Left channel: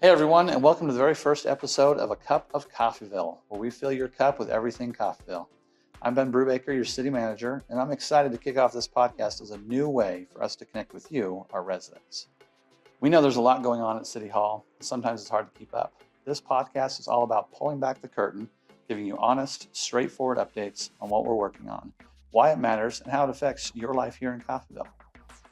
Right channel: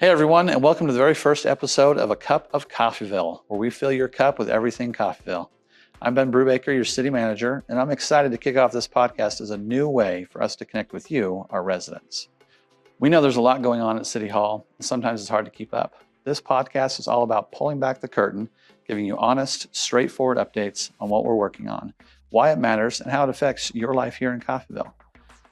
Hey everyone, and welcome to the very first episode of A Cup of Coffeyville, where we fill your cup with everything Coffeyville. I'm Ben Brubaker, your city manager, and I'm excited to kick off this podcast as a new way for us to connect with you, our residents. We know there's a lot going on at City Hall, and sometimes it's hard to keep up. This podcast is all about pulling back the curtain, giving you honest, straightforward updates on what we're working on, why it matters, and how it affects your life here in Coffeyville.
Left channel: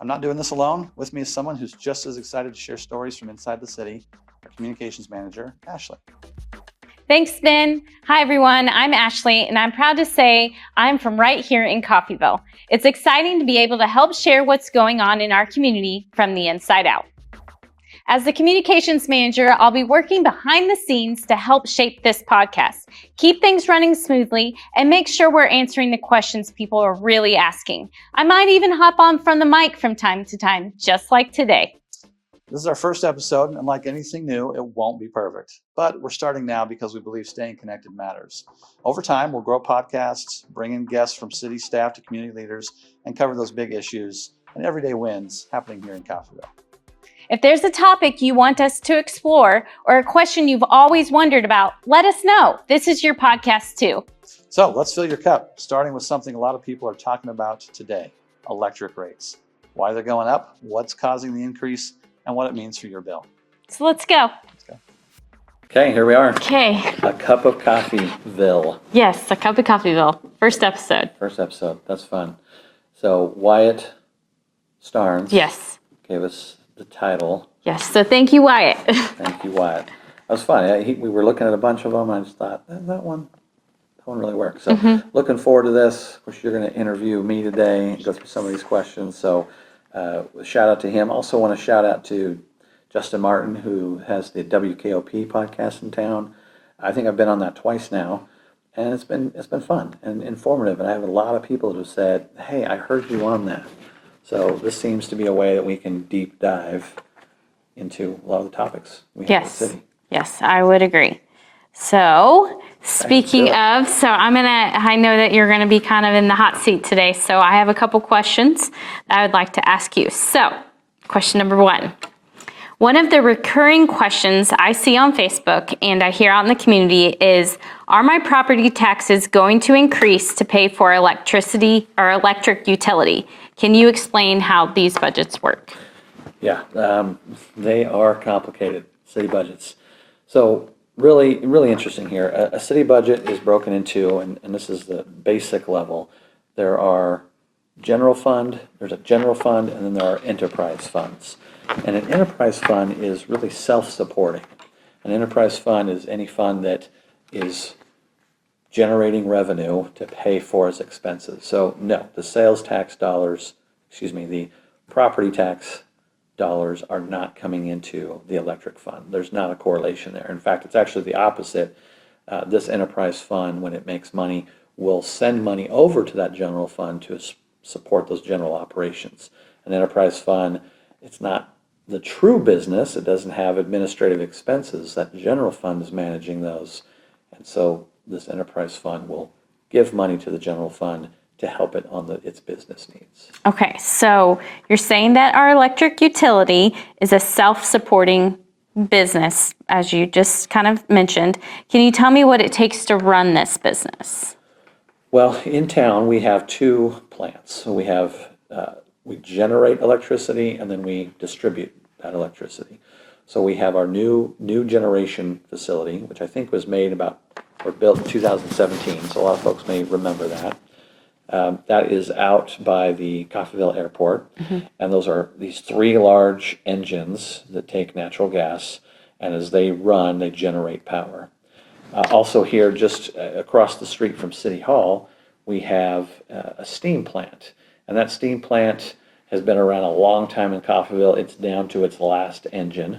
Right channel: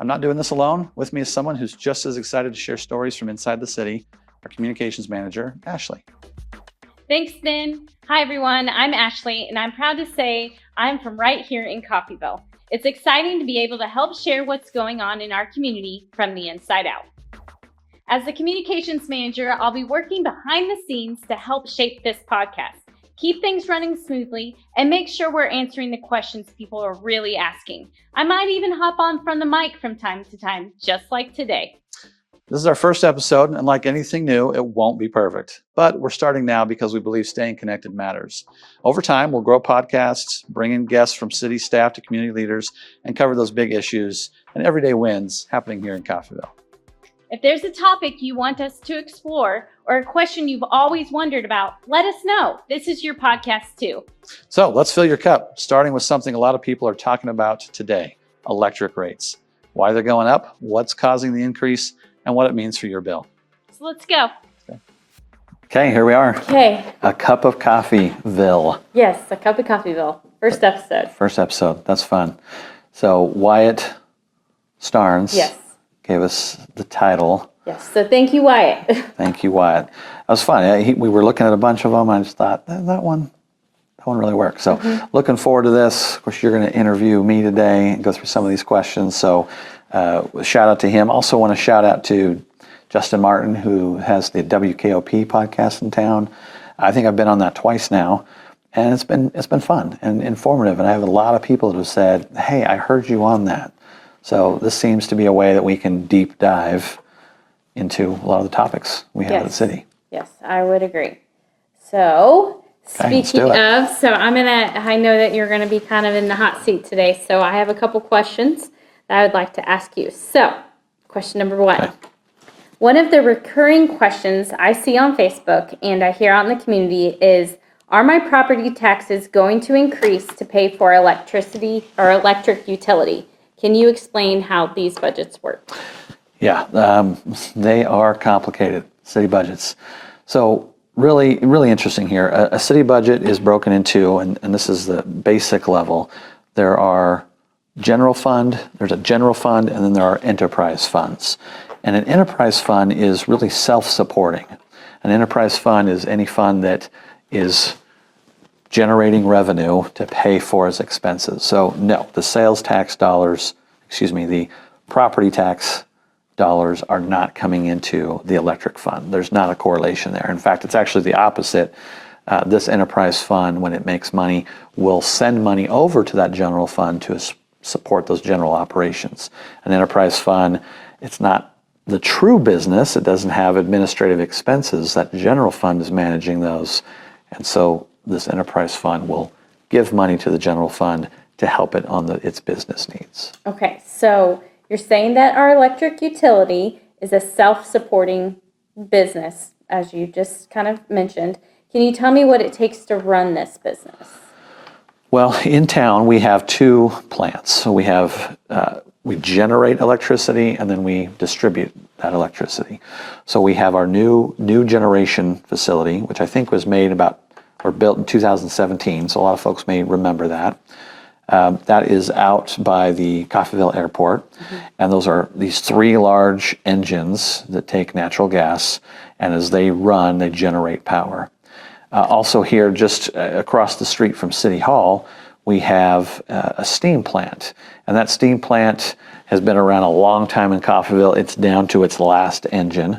I'm not doing this alone. With me is someone who's just as excited to share stories from inside the city, our communications manager, Ashley. Thanks, Ben. Hi, everyone. I'm Ashley, and I'm proud to say I'm from right here in Coffeyville. It's exciting to be able to help share what's going on in our community from the inside out. As the communications manager, I'll be working behind the scenes to help shape this podcast, keep things running smoothly, and make sure we're answering the questions people are really asking. I might even hop on from the mic from time to time, just like today. This is our first episode, and like anything new, it won't be perfect. But we're starting now because we believe staying connected matters. Over time, we'll grow podcasts, bring in guests from city staff to community leaders, and cover those big issues and everyday wins happening here in Coffeyville. If there's a topic you want us to explore or a question you've always wondered about, let us know. This is your podcast too. So let's fill your cup, starting with something a lot of people are talking about today, electric rates. Why they're going up, what's causing the increase, and what it means for your bill. So let's go. Okay, here we are. Okay. A Cup of Coffeyville. Yes, A Cup of Coffeyville. First episode. First episode. That's fun. So Wyatt Starnes gave us the title. Yes, so thank you, Wyatt. Thank you, Wyatt. That was fun. We were looking at a bunch of them. I just thought, that one really works. So looking forward to this. Of course, you're going to interview me today and go through some of these questions. So shout out to him. Also want to shout out to Justin Martin, who has the WKOP podcast in town. I think I've been on that twice now, and it's been fun and informative. And I have a lot of people that have said, "Hey, I heard you on that." So this seems to be a way that we can deep dive into a lot of the topics we have in the city. Yes, I would agree. So speaking of, I know that you're going to be kind of in the hot seat today, so I have a couple questions that I would like to ask you. So, question number one. Okay. One of the recurring questions I see on Facebook and I hear out in the community is, are my property taxes going to increase to pay for electricity or electric utility? Can you explain how these budgets work? Yeah, they are complicated, city budgets. So really interesting here. A city budget is broken into, and this is the basic level, there are there's a general fund, and then there are enterprise funds. And an enterprise fund is really self-supporting. An enterprise fund is any fund that is generating revenue to pay for its expenses. So no, the sales tax dollars, the property tax dollars are not coming into the electric fund. There's not a correlation there. In fact, it's actually the opposite. This enterprise fund, when it makes money, will send money over to that general fund to support those general operations. An enterprise fund, it's not the true business. It doesn't have administrative expenses. That general fund is managing those. And so this enterprise fund will give money to the general fund to help it on its business needs. Okay, so you're saying that our electric utility is a self-supporting business, as you just kind of mentioned. Can you tell me what it takes to run this business? Well, in town we have two plants. So we generate electricity and then we distribute that electricity. So we have our new generation facility, which I think was built in 2017. So a lot of folks may remember that. That is out by the Coffeyville Airport, and those are these three large engines that take natural gas, and as they run, they generate power. Also here, just across the street from City Hall, we have a steam plant, and that steam plant has been around a long time in Coffeyville. It's down to its last engine.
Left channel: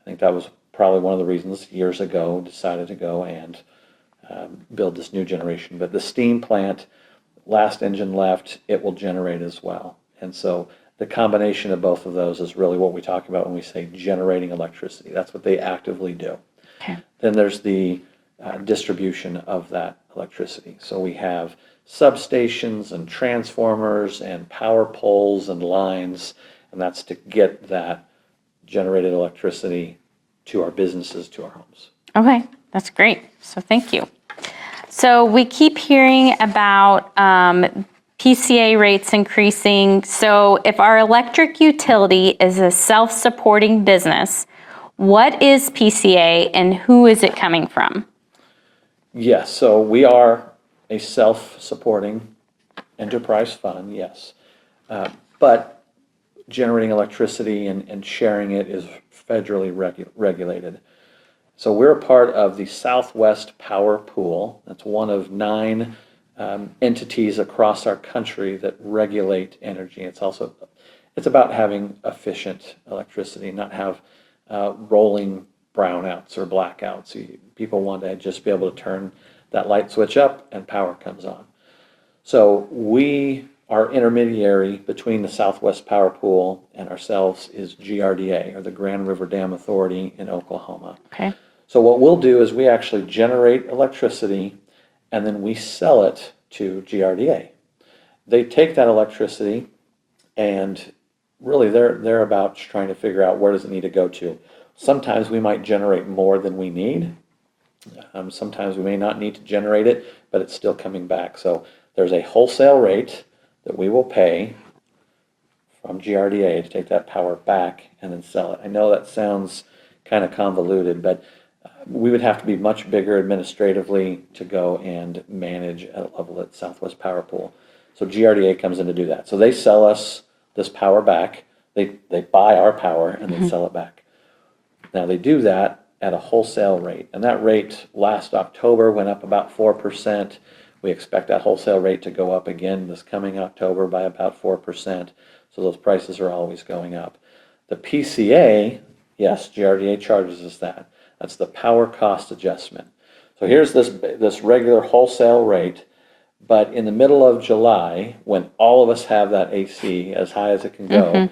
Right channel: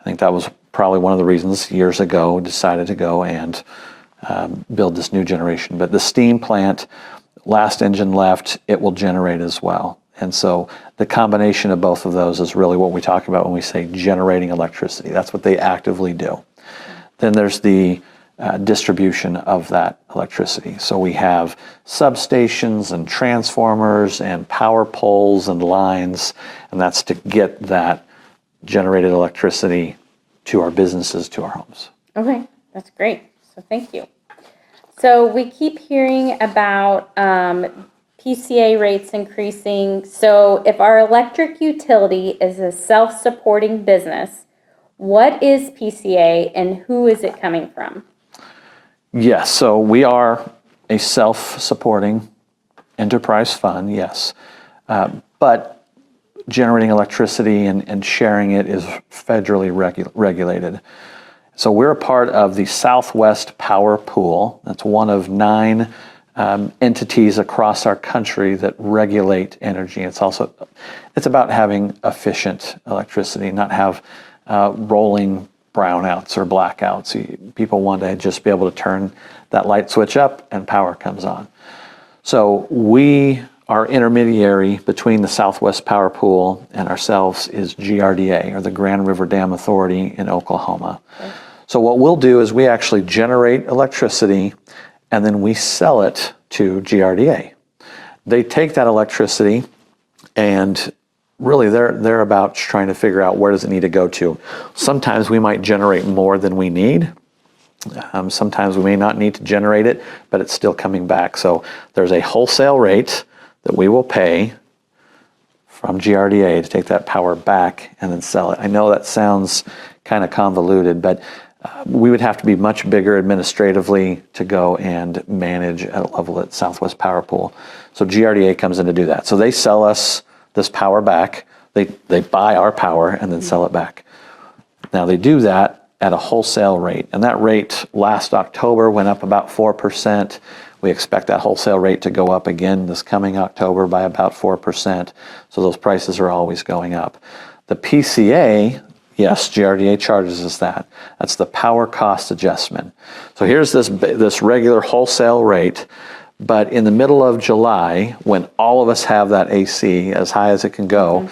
I think that was probably one of the reasons years ago we decided to go and build this new generation. But the steam plant, last engine left, it will generate as well. And so the combination of both of those is really what we talk about when we say generating electricity. That's what they actively do. Okay. Then there's the distribution of that electricity. So we have substations and transformers and power poles and lines, and that's to get that generated electricity to our businesses, to our homes. Okay, that's great. So thank you. So we keep hearing about PCA rates increasing. So if our electric utility is a self-supporting business, what is PCA and who is it coming from? Yes, so we are a self-supporting enterprise fund, yes. But generating electricity and sharing it is federally regulated. So we're a part of the Southwest Power Pool. That's one of 9 entities across our country that regulate energy. It's about having efficient electricity, not have rolling brownouts or blackouts. People want to just be able to turn that light switch up and power comes on. So our intermediary between the Southwest Power Pool and ourselves is GRDA, or the Grand River Dam Authority in Oklahoma. Okay. So what we'll do is we actually generate electricity and then we sell it to GRDA. They take that electricity and really they're about trying to figure out where does it need to go to. Sometimes we might generate more than we need. Sometimes we may not need to generate it, but it's still coming back. So there's a wholesale rate that we will pay from GRDA to take that power back and then sell it. I know that sounds kind of convoluted, but we would have to be much bigger administratively to go and manage at a level at Southwest Power Pool. So GRDA comes in to do that. So they sell us this power back. They buy our power and then sell it back. Now they do that at a wholesale rate, and that rate last October went up about 4%. We expect that wholesale rate to go up again this coming October by about 4%. So those prices are always going up. The PCA, yes, GRDA charges us that. That's the power cost adjustment. So here's this regular wholesale rate, but in the middle of July, when all of us have that AC as high as it can go,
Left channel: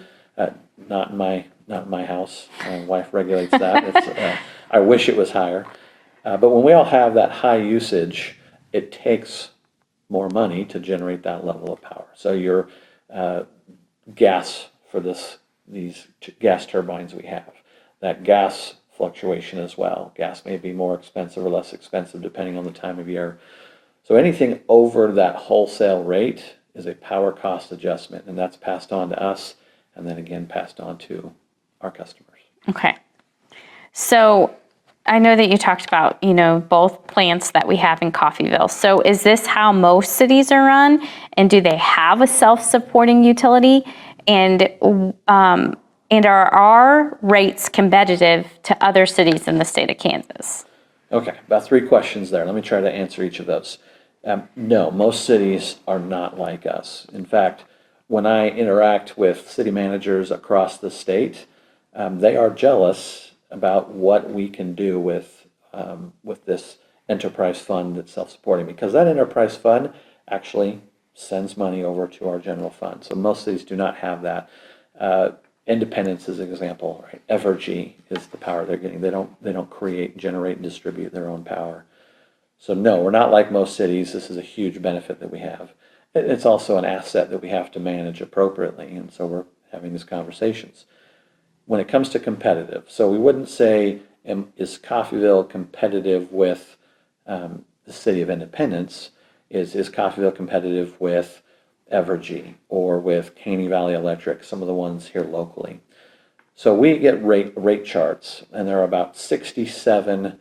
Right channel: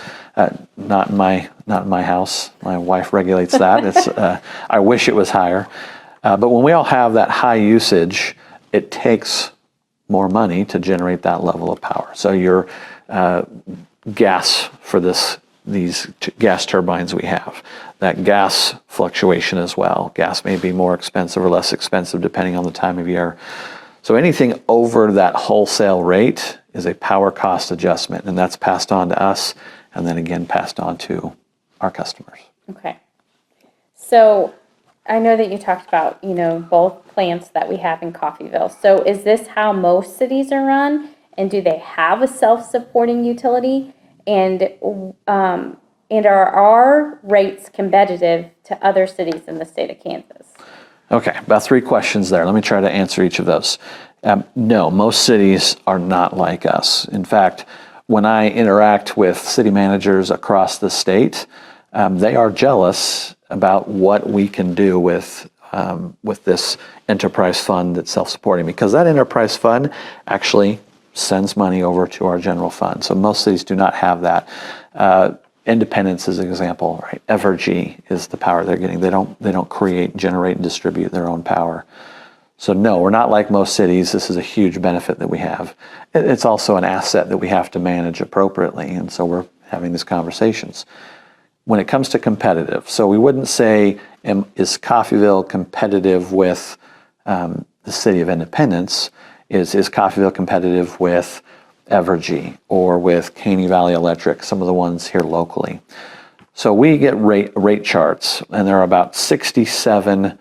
not in my house. My wife regulates that. I wish it was higher. But when we all have that high usage, it takes more money to generate that level of power. So your gas for these gas turbines we have, that gas fluctuation as well. Gas may be more expensive or less expensive depending on the time of year. So anything over that wholesale rate is a power cost adjustment, and that's passed on to us and then again passed on to our customers. Okay. So I know that you talked about, both plants that we have in Coffeyville. So is this how most cities are run? And do they have a self-supporting utility? And are our rates competitive to other cities in the state of Kansas? Okay, about 3 questions there. Let me try to answer each of those. No, most cities are not like us. In fact, when I interact with city managers across the state, they are jealous about what we can do with this enterprise fund that's self-supporting, because that enterprise fund actually sends money over to our general fund. So most cities do not have that. Independence is an example, right? Evergy is the power they're getting. They don't create, generate, and distribute their own power. So no, we're not like most cities. This is a huge benefit that we have. It's also an asset that we have to manage appropriately, and so we're having these conversations. When it comes to competitive, so we wouldn't say, is Coffeyville competitive with the city of Independence? Is Coffeyville competitive with Evergy or with Caney Valley Electric, some of the ones here locally? So we get rate charts, and there are about 67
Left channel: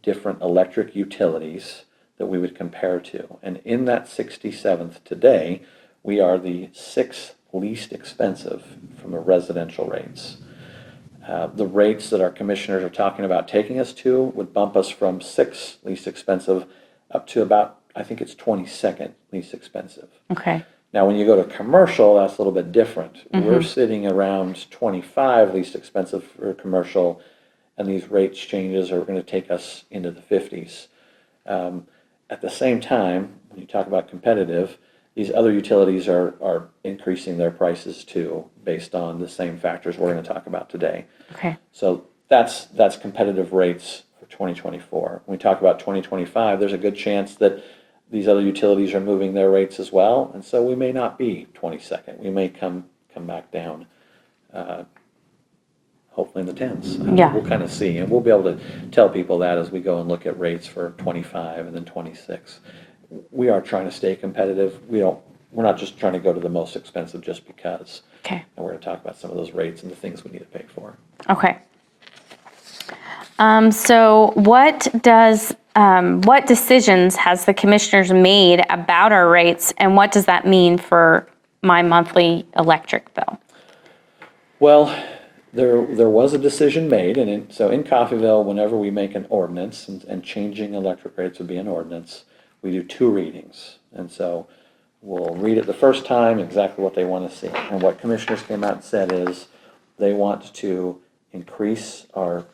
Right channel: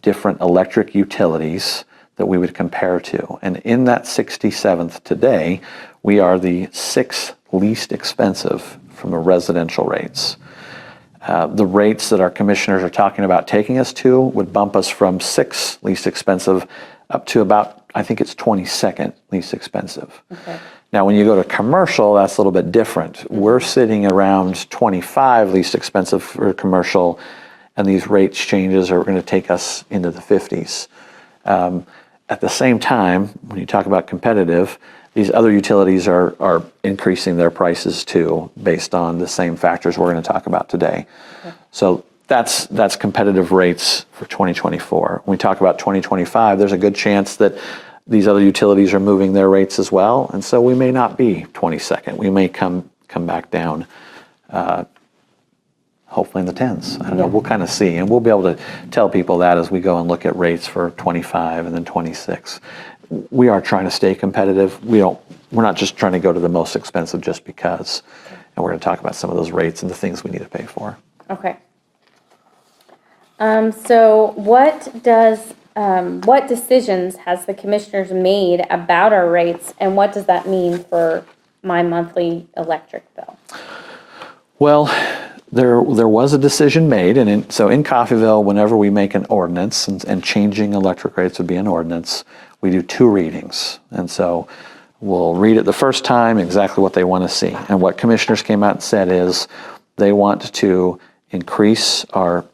different electric utilities that we would compare to. And in that 67th today, we are the 6th least expensive from the residential rates. The rates that our commissioners are talking about taking us to would bump us from 6th least expensive up to about, I think it's 22nd least expensive. Okay. Now, when you go to commercial, that's a little bit different. Mm-hmm. We're sitting around 25 least expensive for commercial, and these rates changes are going to take us into the 50s. At the same time, when you talk about competitive, these other utilities are increasing their prices too, based on the same factors we're going to talk about today. Okay. So that's competitive rates for 2024. When we talk about 2025, there's a good chance that these other utilities are moving their rates as well, and so we may not be 22nd. We may come back down, hopefully in the tens. Yeah. We'll kind of see, and we'll be able to tell people that as we go and look at rates for 25 and then 26. We are trying to stay competitive. We're not just trying to go to the most expensive just because. Okay. And we're going to talk about some of those rates and the things we need to pay for. Okay. So what decisions has the commissioners made about our rates, and what does that mean for my monthly electric bill? Well, there was a decision made, and so in Coffeyville, whenever we make an ordinance, and changing electric rates would be an ordinance, we do 2 readings. And so we'll read it the first time, exactly what they want to see. And what commissioners came out and said is they want to increase our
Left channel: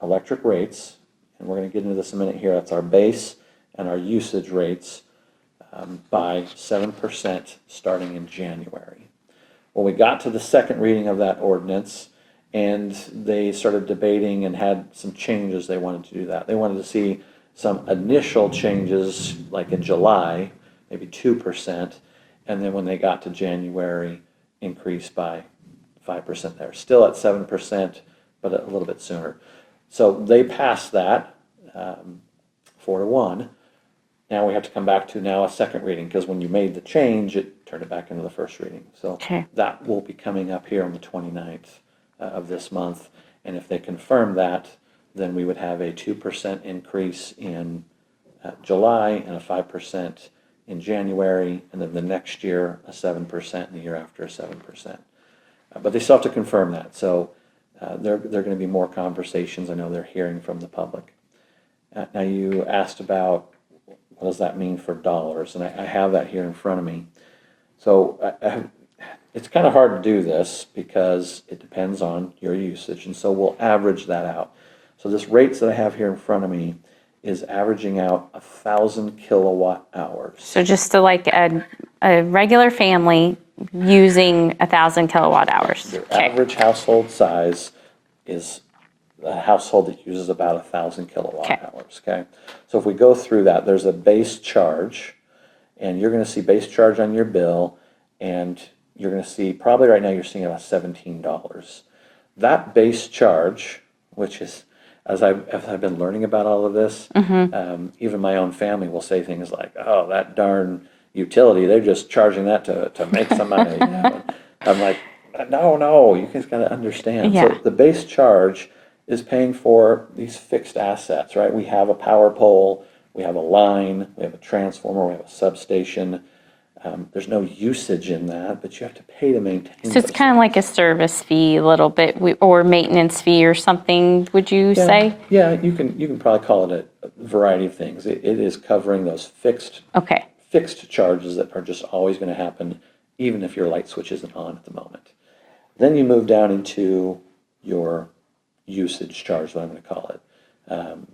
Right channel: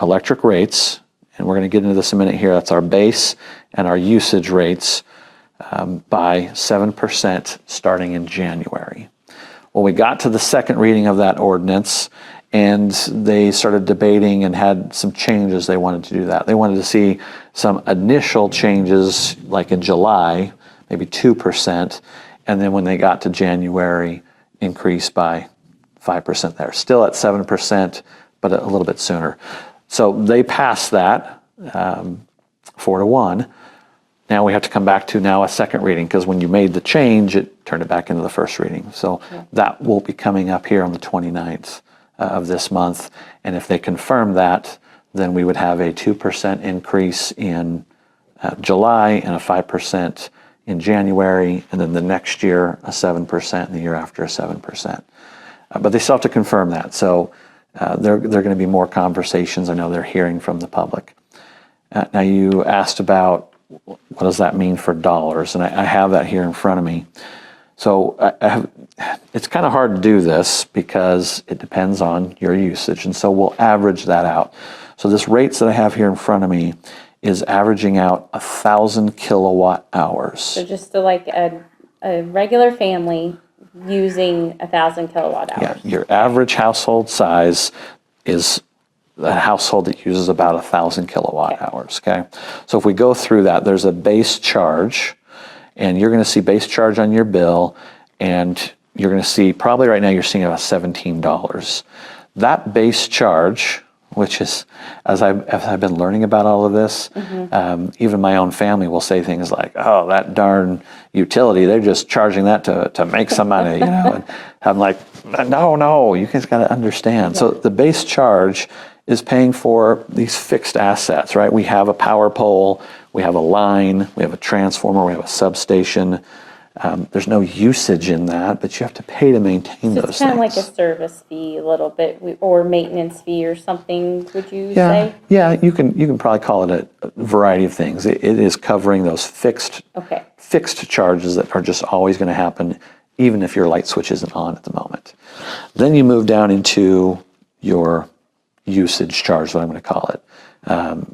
electric rates, and we're going to get into this in a minute here. That's our base and our usage rates by 7% starting in January. Well, we got to the second reading of that ordinance, and they started debating and had some changes they wanted to do that. They wanted to see some initial changes, like in July, maybe 2%, and then when they got to January, increase by 5% there. Still at 7%, but a little bit sooner. So they passed that 4-1. Now we have to come back to now a second reading, because when you made the change, it turned it back into the first reading. So that will be coming up here on the 29th of this month. And if they confirm that, then we would have a 2% increase in July and a 5% in January, and then the next year a 7%, and the year after a 7%. But they still have to confirm that. So there are going to be more conversations. I know they're hearing from the public. Now you asked about what does that mean for dollars, and I have that here in front of me. So it's kind of hard to do this because it depends on your usage, and so we'll average that out. So this rates that I have here in front of me is averaging out 1,000 kilowatt hours. So just to like a regular family using 1,000 kilowatt hours. Yeah, your average household size is a household that uses about 1,000 kilowatt hours, okay? So if we go through that, there's a base charge, and you're going to see base charge on your bill, and you're going to see, probably right now you're seeing about $17. That base charge, which is, as I've been learning about all of this, even my own family will say things like, oh, that darn utility, they're just charging that to make some money, you know? And I'm like, no, you guys got to understand. So the base charge is paying for these fixed assets, right? We have a power pole, we have a line, we have a transformer, we have a substation. There's no usage in that, but you have to pay to maintain those things. So it's kind of like a service fee a little bit, or maintenance fee or something, would you say? Yeah, you can probably call it a variety of things. It is covering those fixed charges that are just always going to happen, even if your light switch isn't on at the moment. Then you move down into your usage charge, what I'm going to call it,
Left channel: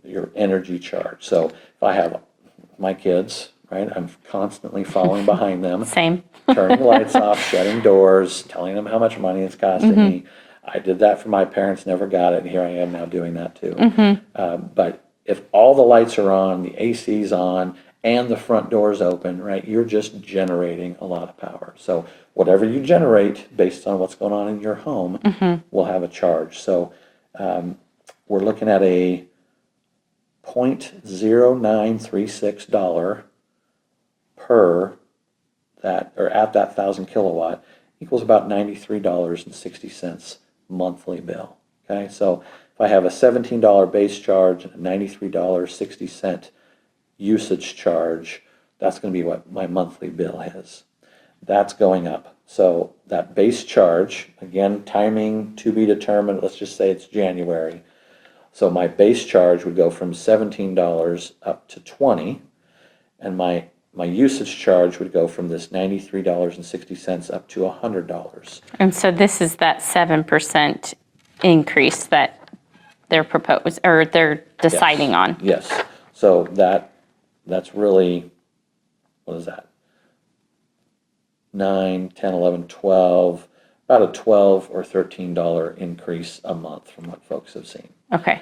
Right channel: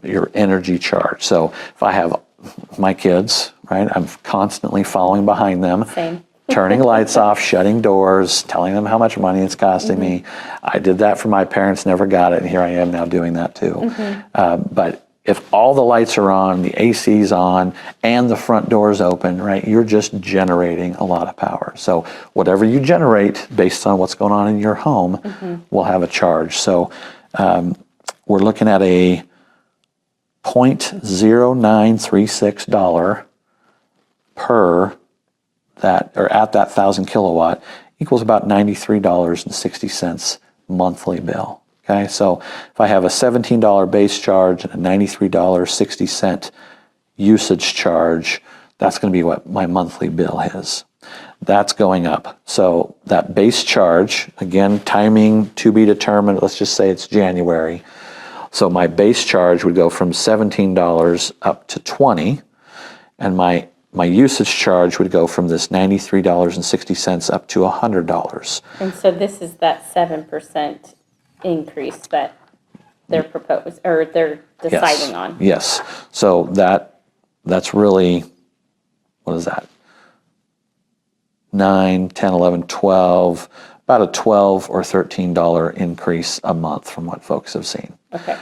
your energy charge. So if I have my kids, right, I'm constantly following behind them. Same. Turning lights off, shutting doors, telling them how much money it's costing me. I did that for my parents, never got it, and here I am now doing that too. But if all the lights are on, the AC's on, and the front door's open, right, you're just generating a lot of power. So whatever you generate based on what's going on in your home will have a charge. So we're looking at a $0.0936 per that, or at that 1,000 kilowatt, equals about $93.60 monthly bill. Okay, so if I have a $17 base charge and a $93.60 usage charge, that's going to be what my monthly bill is. That's going up. So that base charge, again, timing to be determined, let's just say it's January. So my base charge would go from $17 up to $20, and my usage charge would go from this $93.60 up to $100. And so this is that 7% increase that they're proposed, or they're deciding on. Yes. So that's really, what is that? 9, 10, 11, 12, about a $12 or $13 increase a month from what folks have seen. Okay.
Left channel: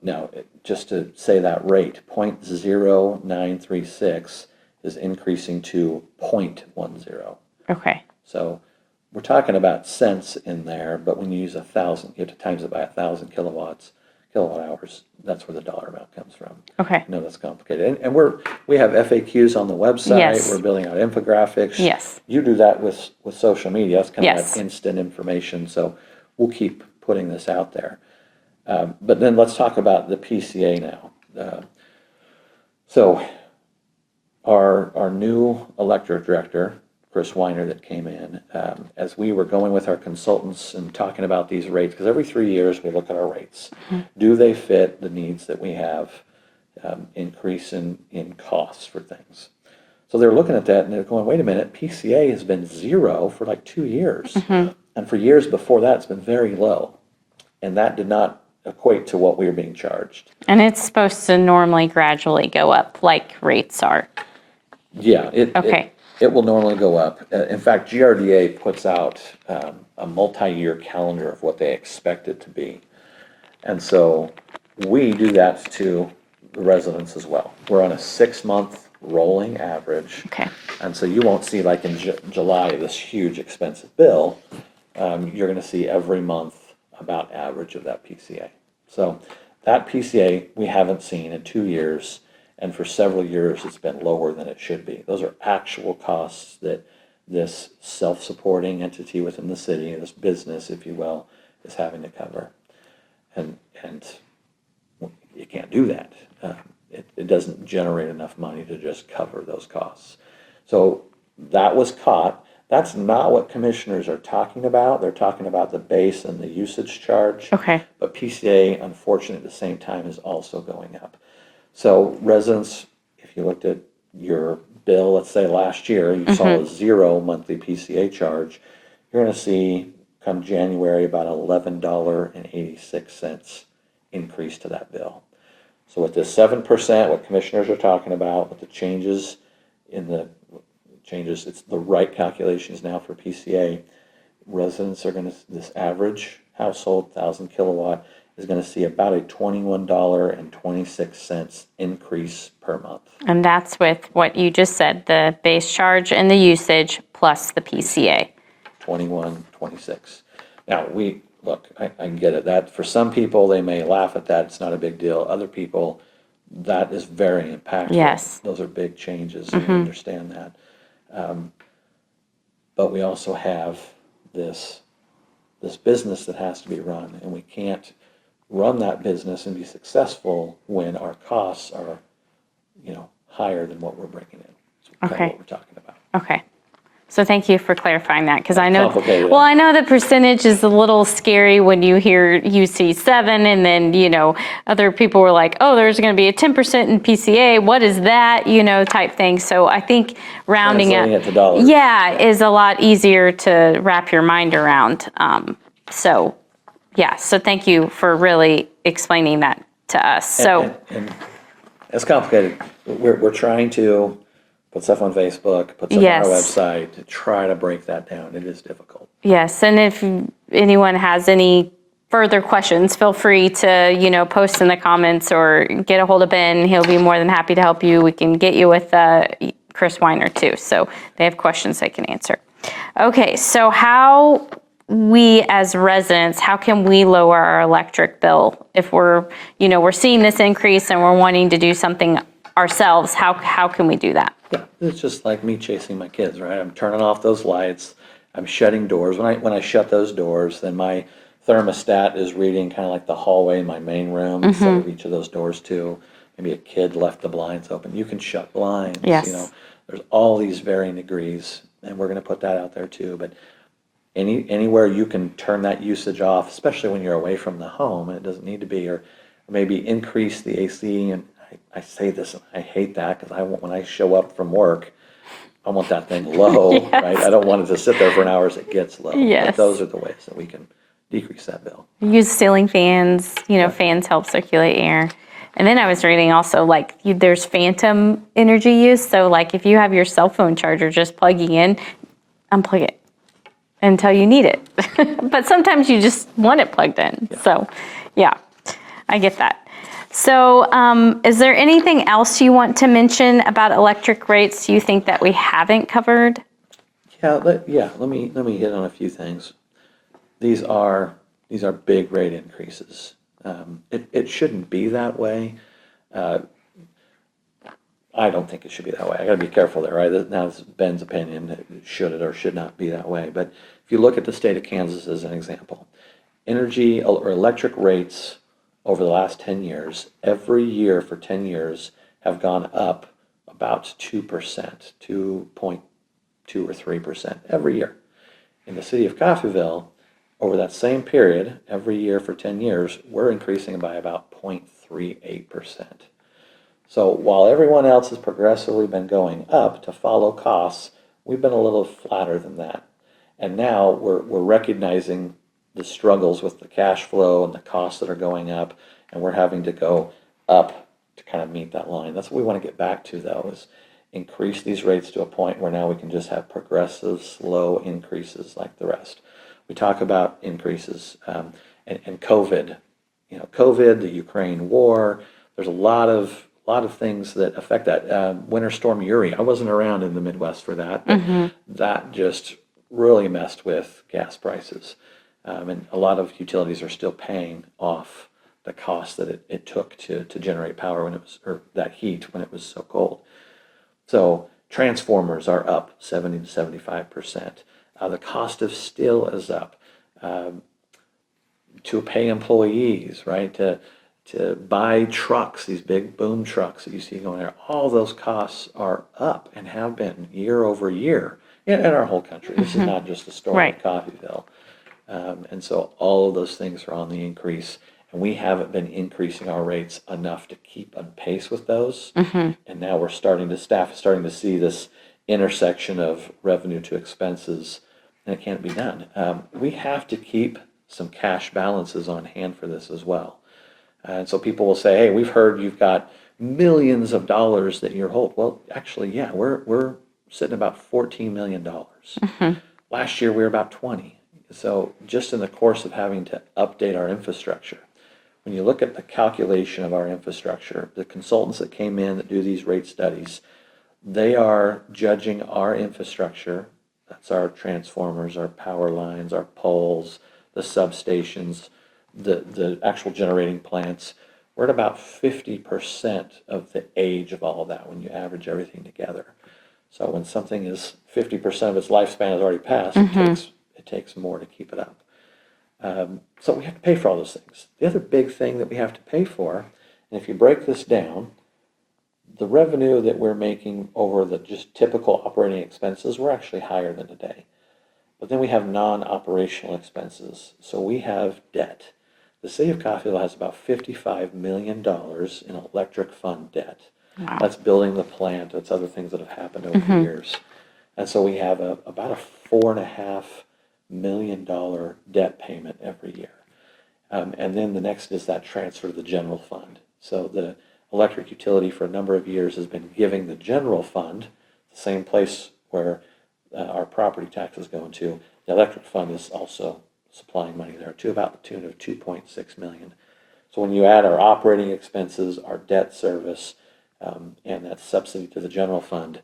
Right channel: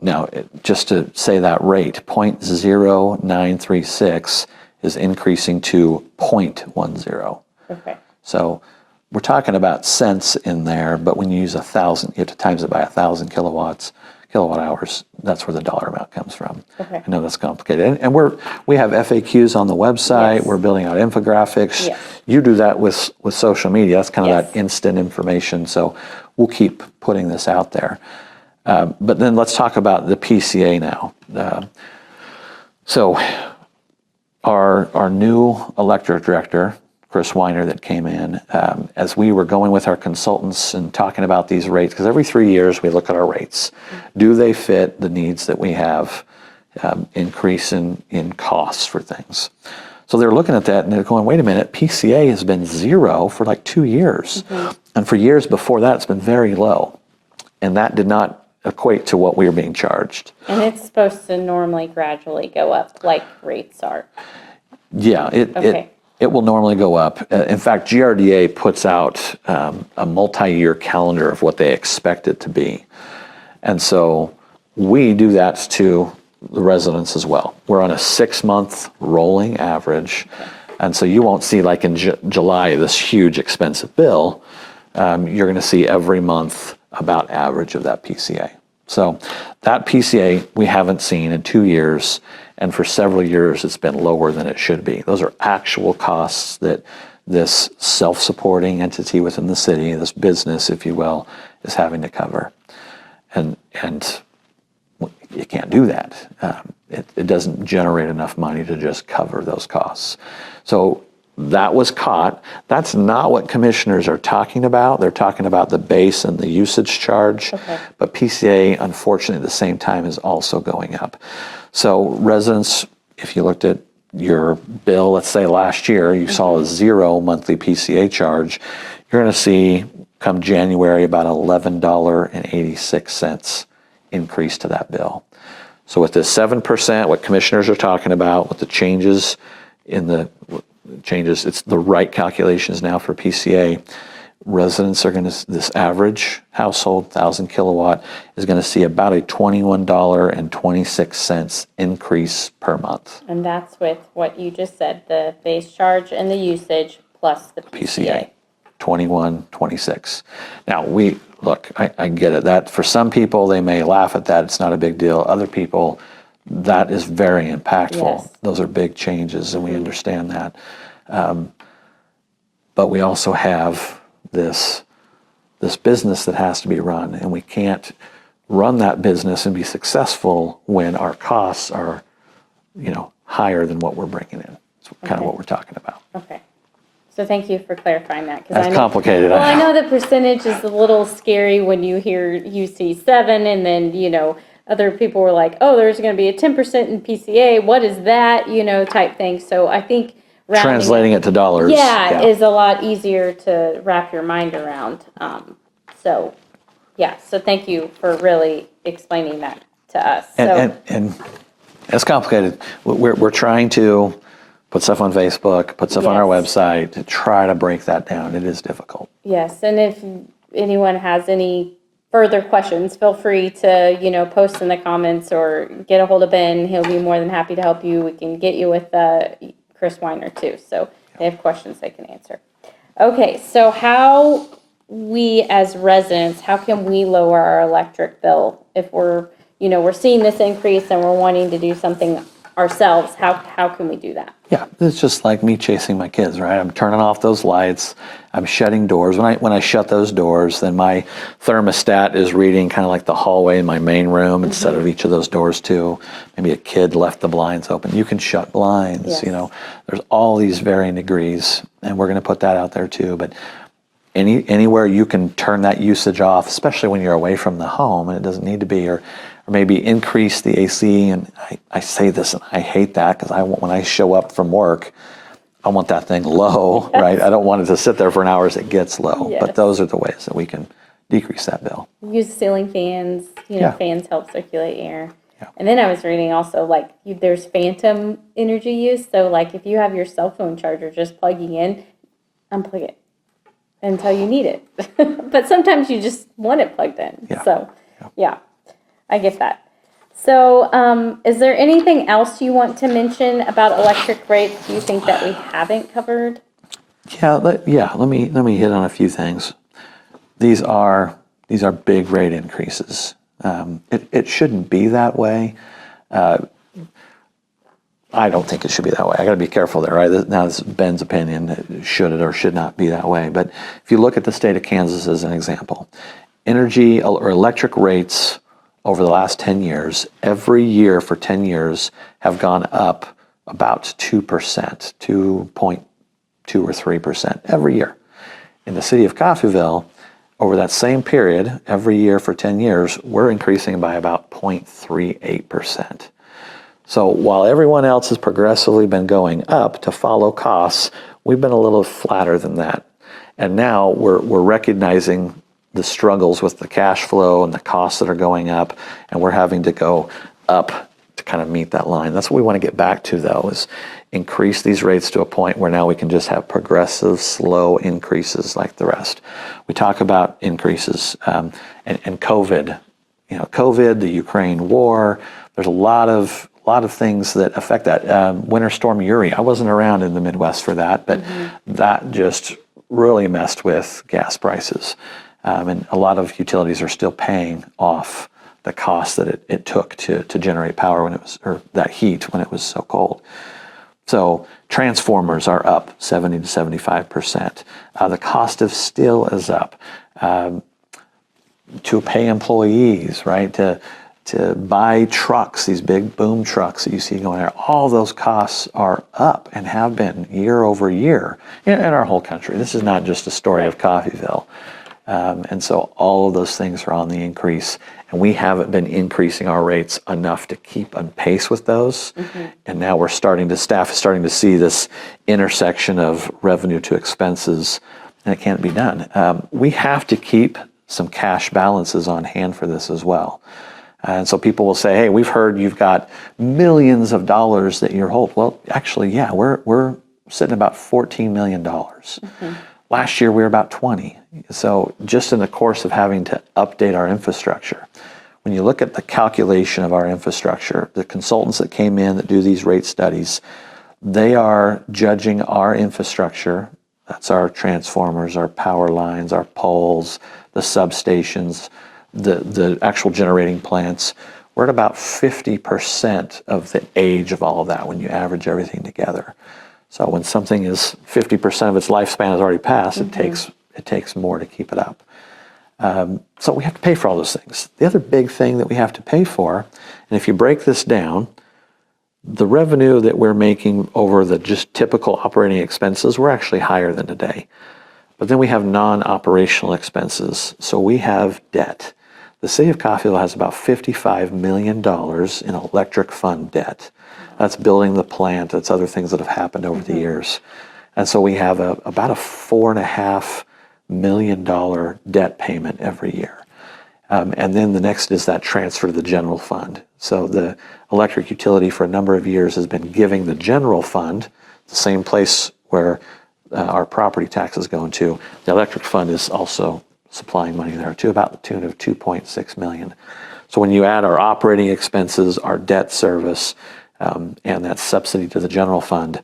Now, just to say that rate, 0.0936 is increasing to 0.10. Okay. So we're talking about cents in there, but when you use 1,000, you have to times it by 1,000 kilowatt hours. That's where the dollar amount comes from. Okay. I know that's complicated, and we have FAQs on the website. Yes. We're building out infographics. Yes. You do that with social media. That's kind of Yes. that instant information. So we'll keep putting this out there. But then let's talk about the PCA now. So our new electric director, Chris Weiner, that came in, as we were going with our consultants and talking about these rates, because every 3 years we look at our rates. Do they fit the needs that we have, increase in costs for things? So they're looking at that and they're going, wait a minute, PCA has been zero for like 2 years. And for years before that, it's been very low. And that did not equate to what we were being charged. And it's supposed to normally gradually go up like rates are. Yeah, Okay. it will normally go up. In fact, GRDA puts out a multi-year calendar of what they expect it to be. And so we do that to the residents as well. We're on a 6-month rolling average. Okay. And so you won't see like in July this huge expensive bill. You're going to see every month about average of that PCA. So that PCA we haven't seen in 2 years. And for several years, it's been lower than it should be. Those are actual costs that this self-supporting entity within the city, this business, if you will, is having to cover. And you can't do that. It doesn't generate enough money to just cover those costs. So that was caught. That's not what commissioners are talking about. They're talking about the base and the usage charge. Okay. But PCA, unfortunately, at the same time is also going up. So residents, if you looked at your bill, let's say last year, you saw a 0 monthly PCA charge, you're going to see come January about $11.86 increase to that bill. So with this 7%, what commissioners are talking about, with the changes it's the right calculations now for PCA. Residents are going to, this average household, 1,000 kilowatt, is going to see about a $21.26 increase per month. And that's with what you just said, the base charge and the usage plus the PCA. 21.26. Now I get it. That for some people they may laugh at that. It's not a big deal. Other people, that is very impactful. Yes. Those are big changes, and we understand that. But we also have this business that has to be run, and we can't run that business and be successful when our costs are, higher than what we're bringing in. It's kind of what we're talking about. Okay. So thank you for clarifying that, because That's I know complicated. Well, I know the percentage is a little scary when you hear UC7, and then other people were like, "Oh, there's going to be a 10% in PCA. What is that?" Type thing. So I think Translating it to dollars. is a lot easier to wrap your mind around. So thank you for really explaining that to us. And it's complicated. We're trying to put stuff on Facebook, put stuff on our website to try to break that down. It is difficult. Yes, and if anyone has any further questions, feel free to, post in the comments or get a hold of Ben. He'll be more than happy to help you. We can get you with Chris Weiner too. So they have questions they can answer. Okay, so how we as residents, how can we lower our electric bill if we're seeing this increase and we're wanting to do something ourselves? How can we do that? Yeah, it's just like me chasing my kids, right? I'm turning off those lights. I'm shutting doors. When I shut those doors, then my thermostat is reading kind of like the hallway in my main room instead of each of those doors too. Maybe a kid left the blinds open. You can shut blinds. Yes. There's all these varying degrees, and we're going to put that out there too. But anywhere you can turn that usage off, especially when you're away from the home, and it doesn't need to be, or maybe increase the AC. And I say this, and I hate that, because when I show up from work, I want that thing low, right? I don't want it to sit there for an hour as it gets low. Yes. But those are the ways that we can decrease that bill. Use ceiling fans. Fans help circulate air. And then I was reading also, there's phantom energy use. So, if you have your cell phone charger just plugging in, unplug it until you need it. But sometimes you just want it plugged in. Yeah. So, I get that. So, is there anything else you want to mention about electric rates you think that we haven't covered? Let me hit on a few things. These are big rate increases. It shouldn't be that way. I don't think it should be that way. I got to be careful there, right? Now, this is Ben's opinion. Should it or should not be that way? But if you look at the state of Kansas as an example, energy or electric rates over the last 10 years, every year for 10 years, have gone up about 2%, 2.2 or 3% every year. In the city of Coffeyville, over that same period, every year for 10 years, we're increasing by about 0.38%. So while everyone else has progressively been going up to follow costs, we've been a little flatter than that. And now we're recognizing the struggles with the cash flow and the costs that are going up, and we're having to go up to kind of meet that line. That's what we want to get back to, though, is increase these rates to a point where now we can just have progressive, slow increases like the rest. We talk about increases and COVID. COVID, the Ukraine war. There's a lot of things that affect that. Winter Storm Uri. I wasn't around in the Midwest for that, but that just really messed with gas prices. And a lot of utilities are still paying off the cost that it took to generate power when it was, or that heat when it was so cold. So transformers are up 70 to 75%. The cost of steel is up. To pay employees, right? To buy trucks, these big boom trucks that you see going there, all those costs are up and have been year over year in our whole country. This is not just a story of Coffeyville. And so all of those things are on the increase, and we haven't been increasing our rates enough to keep on pace with those. And now staff is starting to see this intersection of revenue to expenses, and it can't be done. We have to keep some cash balances on hand for this as well. And so people will say, hey, we've heard you've got millions of dollars that you're holding. Well, actually, yeah, we're sitting at about $14 million. Last year, we were about 20. So just in the course of having to update our infrastructure, when you look at the calculation of our infrastructure, the consultants that came in that do these rate studies, they are judging our infrastructure. That's our transformers, our power lines, our poles, the substations, the actual generating plants. We're at about 50% of the age of all of that when you average everything together. So when something is 50% of its lifespan has already passed, it takes more to keep it up. So we have to pay for all those things. The other big thing that we have to pay for, and if you break this down, the revenue that we're making over the just typical operating expenses, we're actually higher than today. But then we have non-operational expenses. So we have debt. The city of Coffeyville has about $55 million in electric fund debt. Wow. That's building the plant. That's other things that have happened over the years. And so we have about a $4.5 million debt payment every year. And then the next is that transfer to the general fund. So the electric utility for a number of years has been giving the general fund, the same place where our property taxes go into. The electric fund is also supplying money there to about the tune of $2.6 million. So when you add our operating expenses, our debt service, and that subsidy to the general fund,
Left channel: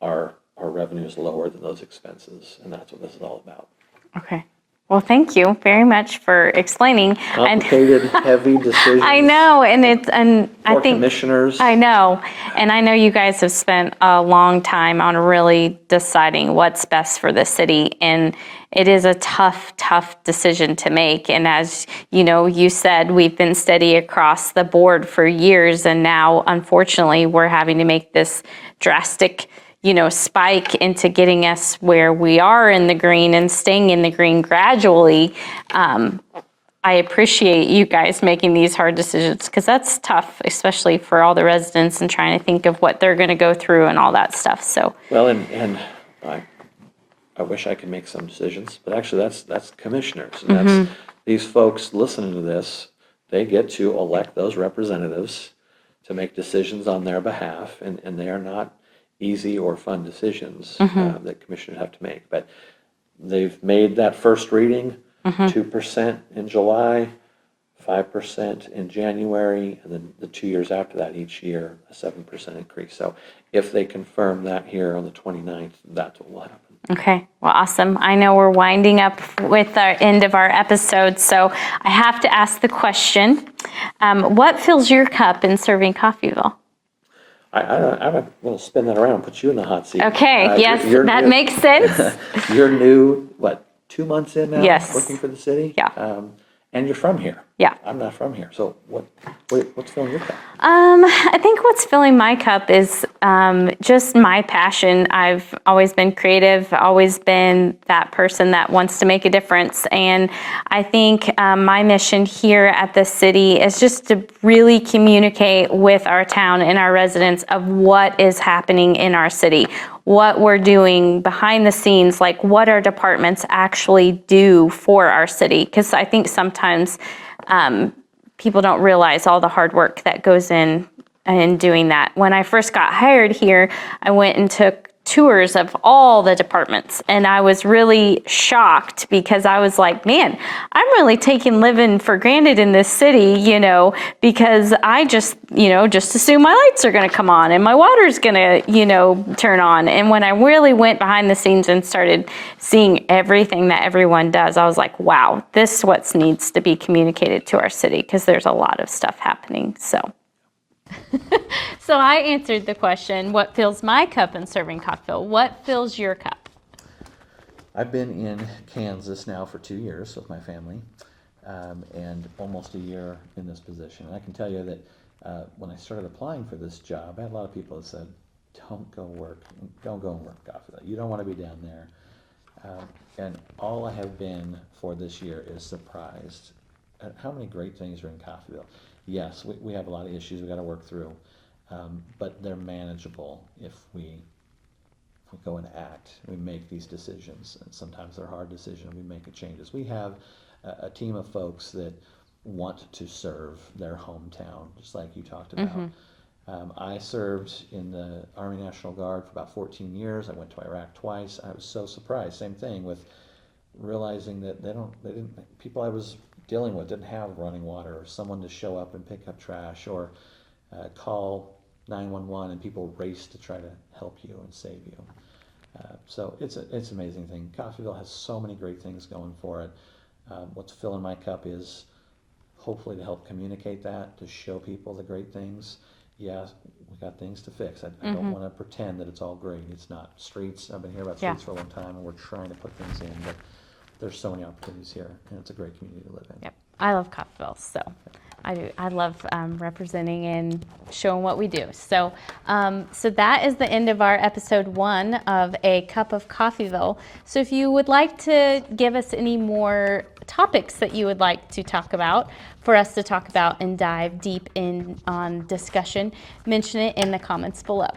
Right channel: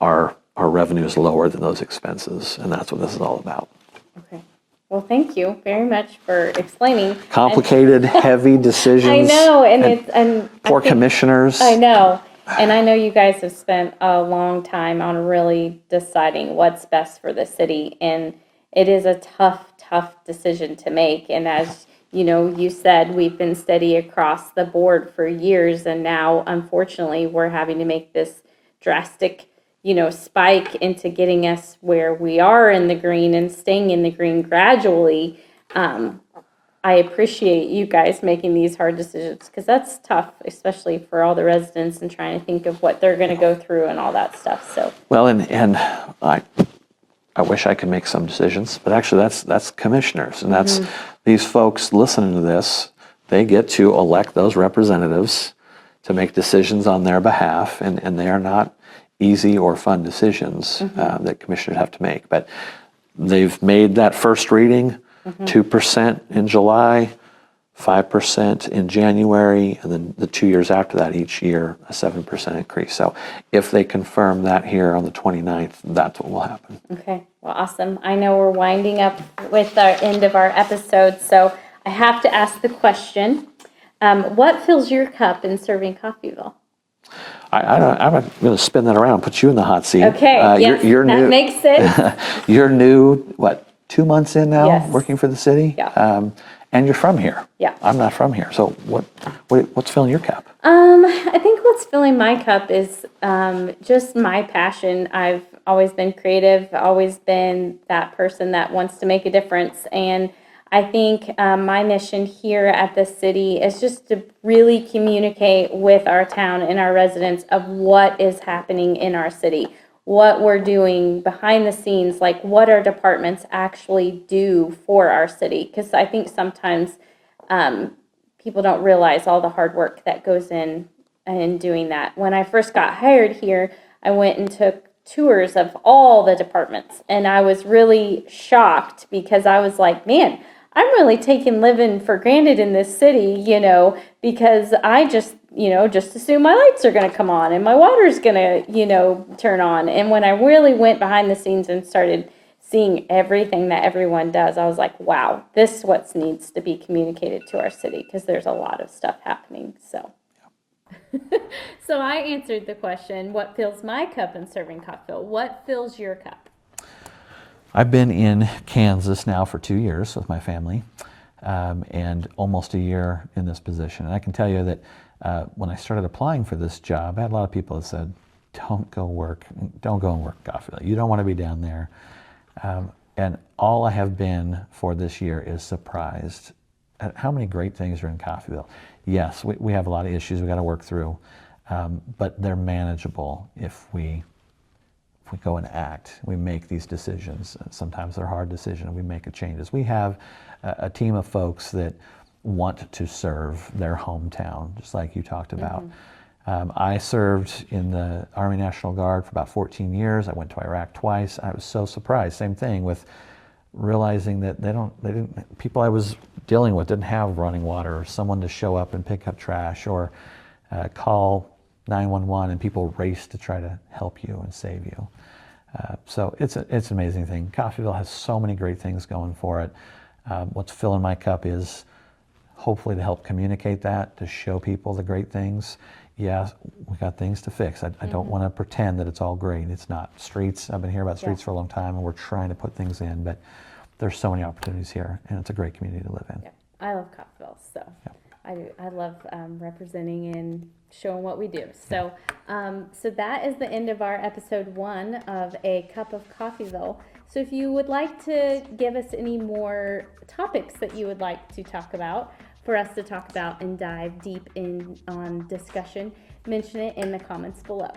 our revenue is lower than those expenses, and that's what this is all about. Okay. Well, thank you very much for explaining. Complicated, heavy decisions. I know, and for commissioners. I know, and I know you guys have spent a long time on really deciding what's best for the city, and it is a tough decision to make. And as you know, you said we've been steady across the board for years, and now unfortunately we're having to make this drastic spike into getting us where we are in the green and staying in the green gradually. I appreciate you guys making these hard decisions, because that's tough, especially for all the residents and trying to think of what they're going to go through and all that stuff. So well, and I wish I could make some decisions, but actually that's commissioners, and that's these folks listening to this. They get to elect those representatives to make decisions on their behalf, and they are not easy or fun decisions that commissioners have to make. But they've made that first reading, 2% in July, 5% in January, and then the 2 years after that, each year, a 7% increase. So if they confirm that here on the 29th, that's what will happen. Okay, well, awesome. I know we're winding up with our end of our episode, so I have to ask the question, what fills your cup in serving Coffeyville? I'm going to spin that around, put you in the hot seat. Okay, yes, you're that new, makes sense. You're new, 2 months in now, Yes. working for the city? Yeah. And you're from here. Yeah. I'm not from here. So what's filling your cup? I think what's filling my cup is just my passion. I've always been creative, always been that person that wants to make a difference. And I think my mission here at the city is just to really communicate with our town and our residents of what is happening in our city, what we're doing behind the scenes, like what our departments actually do for our city. Because I think sometimes people don't realize all the hard work that goes in doing that. When I first got hired here, I went and took tours of all the departments, and I was really shocked because I was like, man, I'm really taking living for granted in this city, because I just assume my lights are going to come on and my water's going to, turn on. And when I really went behind the scenes and started seeing everything that everyone does, I was like, wow, this is what needs to be communicated to our city, because there's a lot of stuff happening. So I answered the question, what fills my cup in serving Coffeyville? What fills your cup? I've been in Kansas now for 2 years with my family, and almost a year in this position. And I can tell you that when I started applying for this job, I had a lot of people that said, don't go and work Coffeyville. You don't want to be down there. And all I have been for this year is surprised at how many great things are in Coffeyville. Yes, we have a lot of issues we got to work through, but they're manageable if we go and act. We make these decisions. Sometimes they're hard decisions. We make changes. We have a team of folks that want to serve their hometown, just like you talked about. I served in the Army National Guard for about 14 years. I went to Iraq twice. I was so surprised. Same thing with realizing that people I was dealing with didn't have running water or someone to show up and pick up trash or call 911 and people race to try to help you and save you. So it's an amazing thing. Coffeyville has so many great things going for it. What's filling my cup is hopefully to help communicate that, to show people the great things. Yeah, we got things to fix. I don't want to pretend that it's all great. It's not. Streets, I've been hearing about streets for a long time, and we're trying to put things in, but there's so many opportunities here, and it's a great community to live in. Yep. I love Coffeyville, so I do. I love representing and showing what we do. So, so that is the end of our episode 1 of A Cup of Coffeyville. So if you would like to give us any more topics that you would like to talk about, for us to talk about and dive deep in on discussion, mention it in the comments below.